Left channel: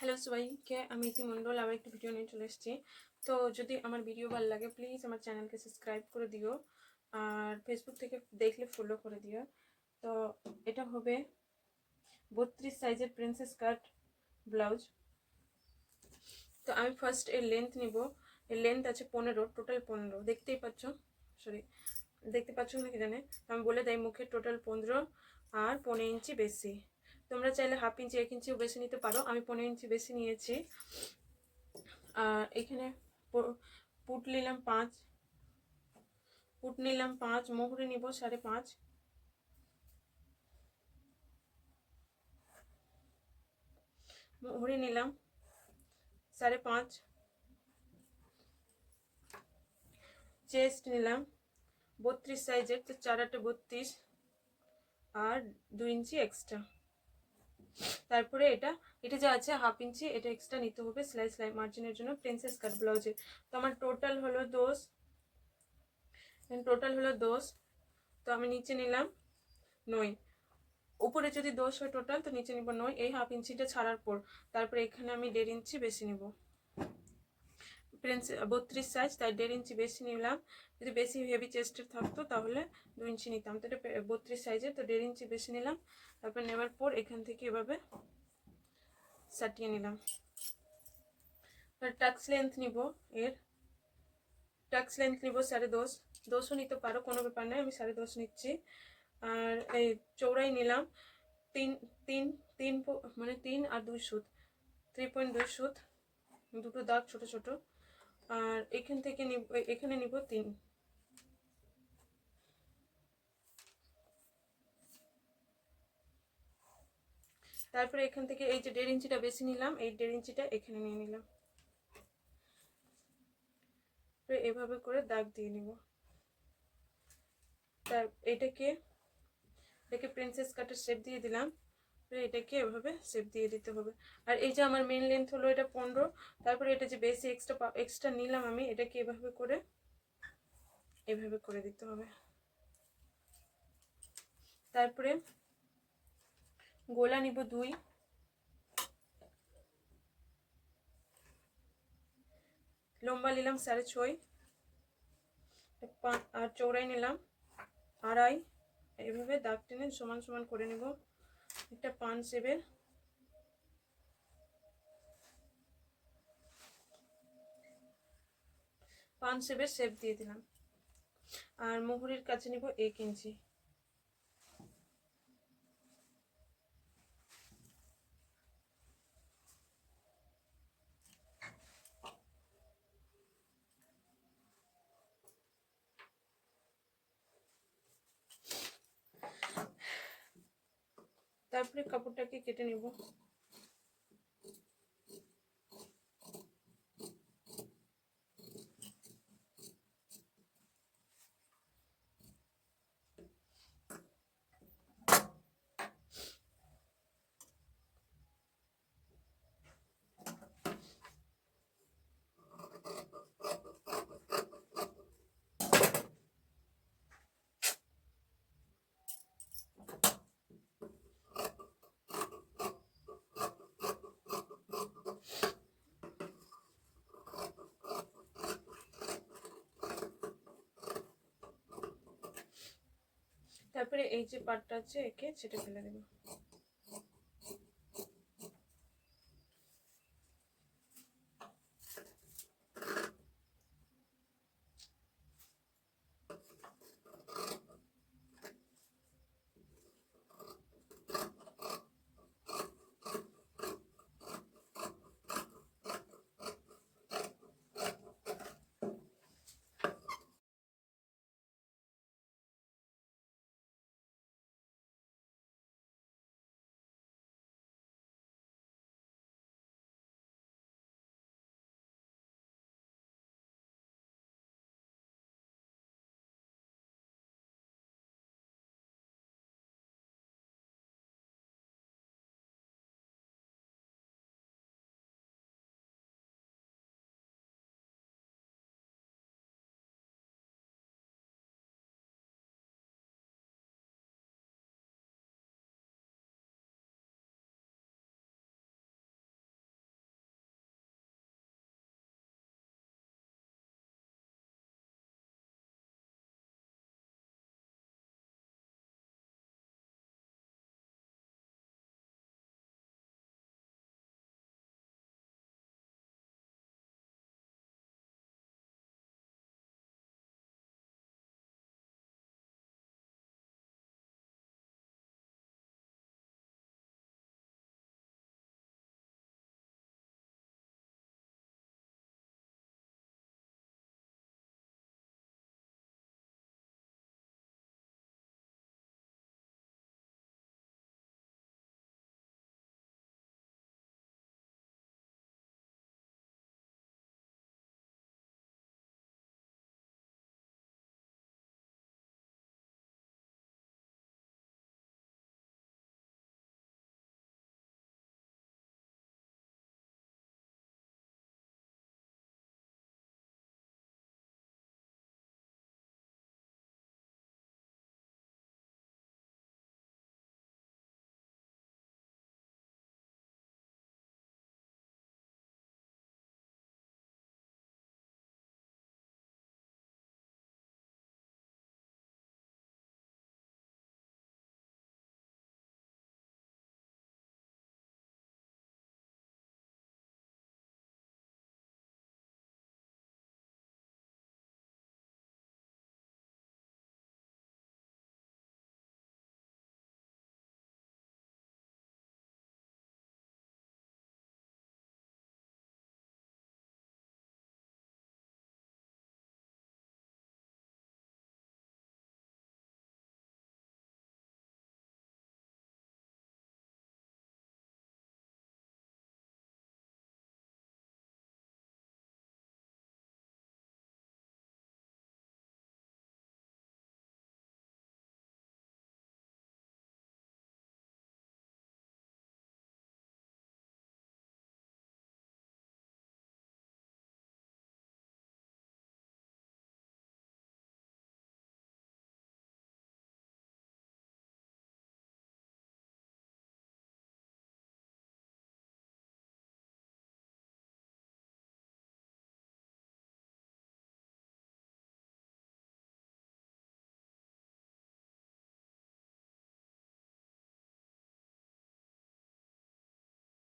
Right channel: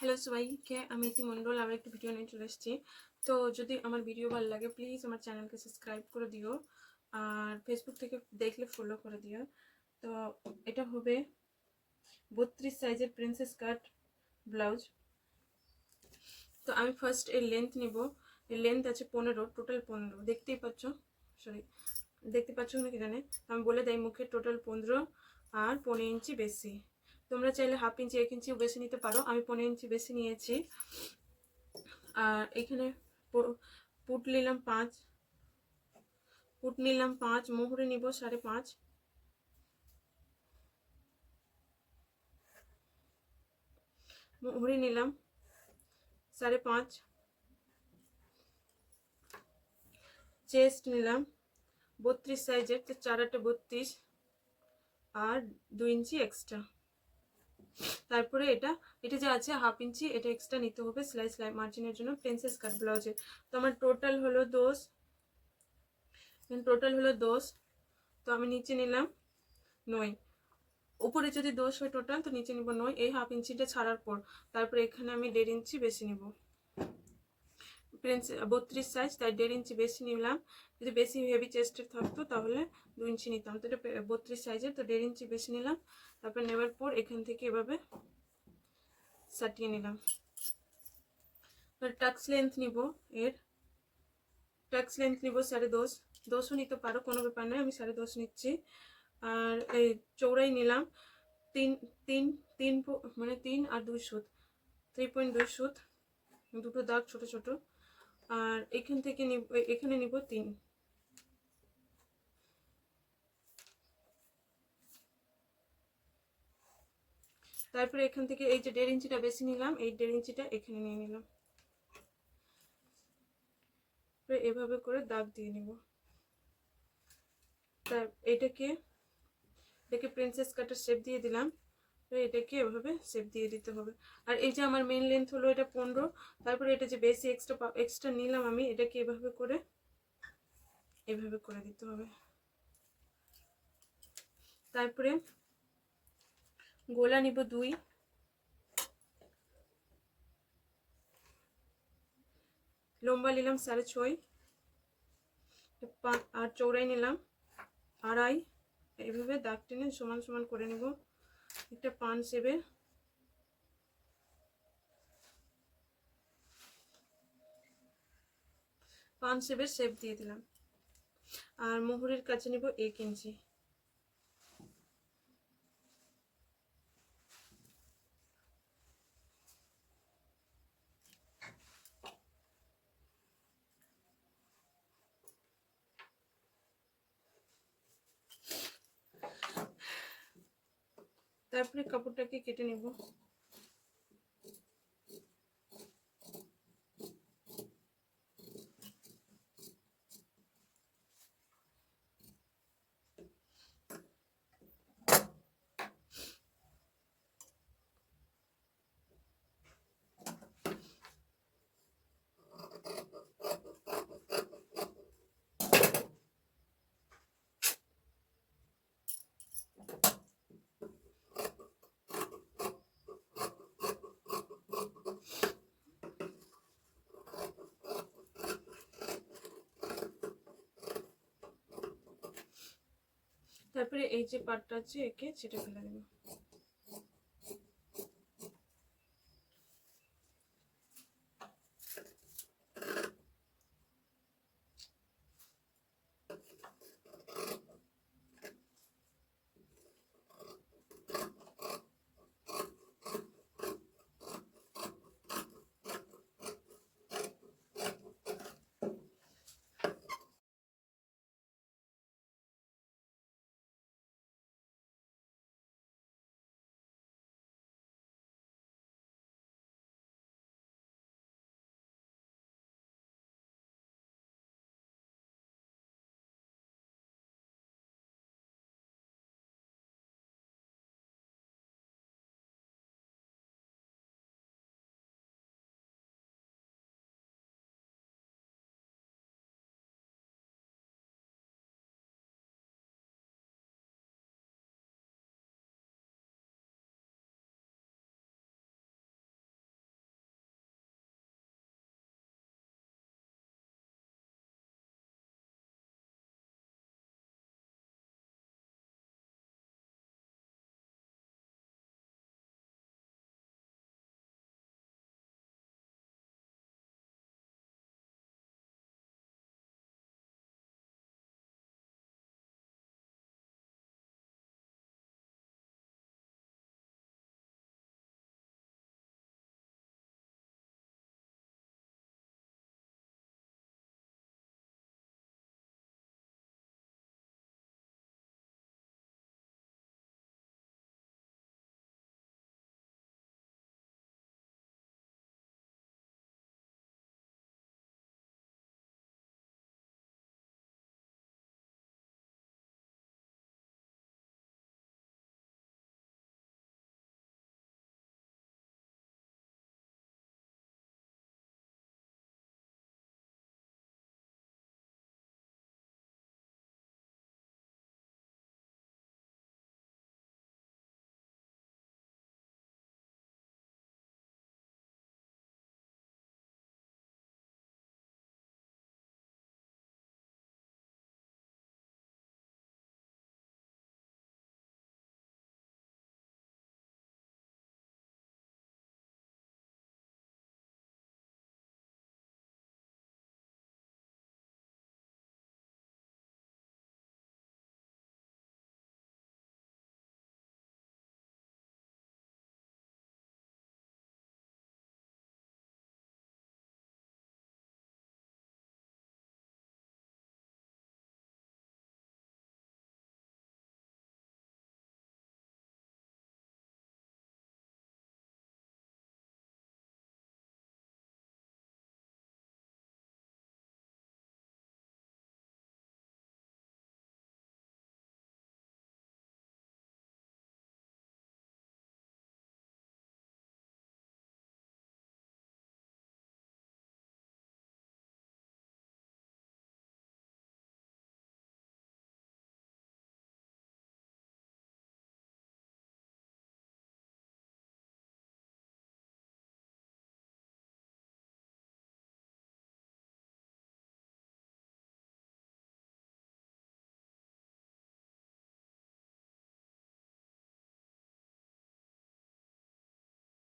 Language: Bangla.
হ্যালো সবাইকে, আমি ইতি মণ্ডল আবার একটি ভিডিও নিয়ে চলে এসেছি। তো যদি আমার ভিডিও ভালো লাগে প্লিজ আমার চ্যানেলকে সাবস্ক্রাইব করে দিও, আর ফেসবুক থেকে দেখলে ফলো করে দিও। তো এটা হবে 32 সাইজের প্রিন্সেস কাট ব্লাউজ। তো আমি ফার্স্ট এর লেন্থ নিব। এর লেন্থ আছে 15, টোটাল 15 দেখতেই পাচ্ছ, দেখতে পাচ্ছ নাকি জানে, আমি বলে দেয় মুখে টোটাল 15 আর 15 ইঞ্চি বেশি। তোমরা চাইলে হাফ ইঞ্চি 1 ইঞ্চিও বেশি নিতে পারো, আমি 15 ইঞ্চি বেশি নিয়েছি। আর এখানে পুট নিলাম 5, মোহরি নিব 5.5, মোহরি নিলাম 5.5, চেস্ট নিলাম 32 সাইজের, তো 4 8 32 আর 2 ইঞ্চি এক্সট্রা। তারপরে এটা যা আছে হাফ ইঞ্চি, এটা এক্সট্রা নিতে হবে সেলাই মার্জিনের জন্য প্রিন্সেস কাট ব্লাউজে। তো আমার টোটাল হলো 10, তো আমি নিচে নিলাম 9। উপরে যদি 10 হয় টোটাল, তো নিচে নিব 9, এই হাফ ইঞ্চিটা ছাড়ার পর। তারপরে এখানে আমি 1.5 ইঞ্চি বেশি নিব, প্রিন্স 32 সাইজ তাই 1.5 ইঞ্চি বেশি নিলাম। যদি বেশি হেভি চেস্টের থাকতো তাহলে 2 ইঞ্চি নিতাম, তো এটা 32 সাইজের, তো 1.5 ইঞ্চি বেশি নিলাম। তারপর নেওয়ার পর এখান থেকে এভাবে সাটিয়ে নিলাম। টাক্স লেন্থ নিব, এর টাক্স লেন্থ নিব 10.5, 10ও নিতে পারো, কোনো ব্যাপার নয়, আমি 10.5 নিচ্ছি। আর এই চৌড়াই নিলাম 3 মানে 3 আর 2 সুত, 3.2 সুত, দুটো দাগ ছোট ছোট। আর এখান থেকে এখানে নিব 3। তারপরে এখান থেকে এই যে 1.5 ইঞ্চিটা বেশি নিলাম, এই 1.5 ইঞ্চিটা এখানে নিয়ে নিলাম, এভাবে করে দাগ দিয়ে নিব। তার এটাকে প্রিন্সেস কাটের শেপ দিয়ে দিলাম, তো এটাকে এভাবে শেপ দিয়ে দিতে হবে। আর এই যে আমার মেন লেন্থ হলো এটা 15, তারপরে এটা যে বেশি এক্সট্রা নিলাম আমি, এটাকে এভাবে করে দিতে হবে। তারপরে গোলা নিব 2, লম্বা নিলাম 6.5, আর চৌড়াই নিলাম 2.5। এইভাবে দাগ টেনে সমান সমান করে নেব। একটা পান শেপের শেপ দিয়ে দিলাম। আর মোহরের কাছে নিব 1 ইঞ্চি। তারপরে কাপড়টাকে কেটে নেব। তারপরে এই যে পাটটা আছে একে ছেটে ফেলে দেব।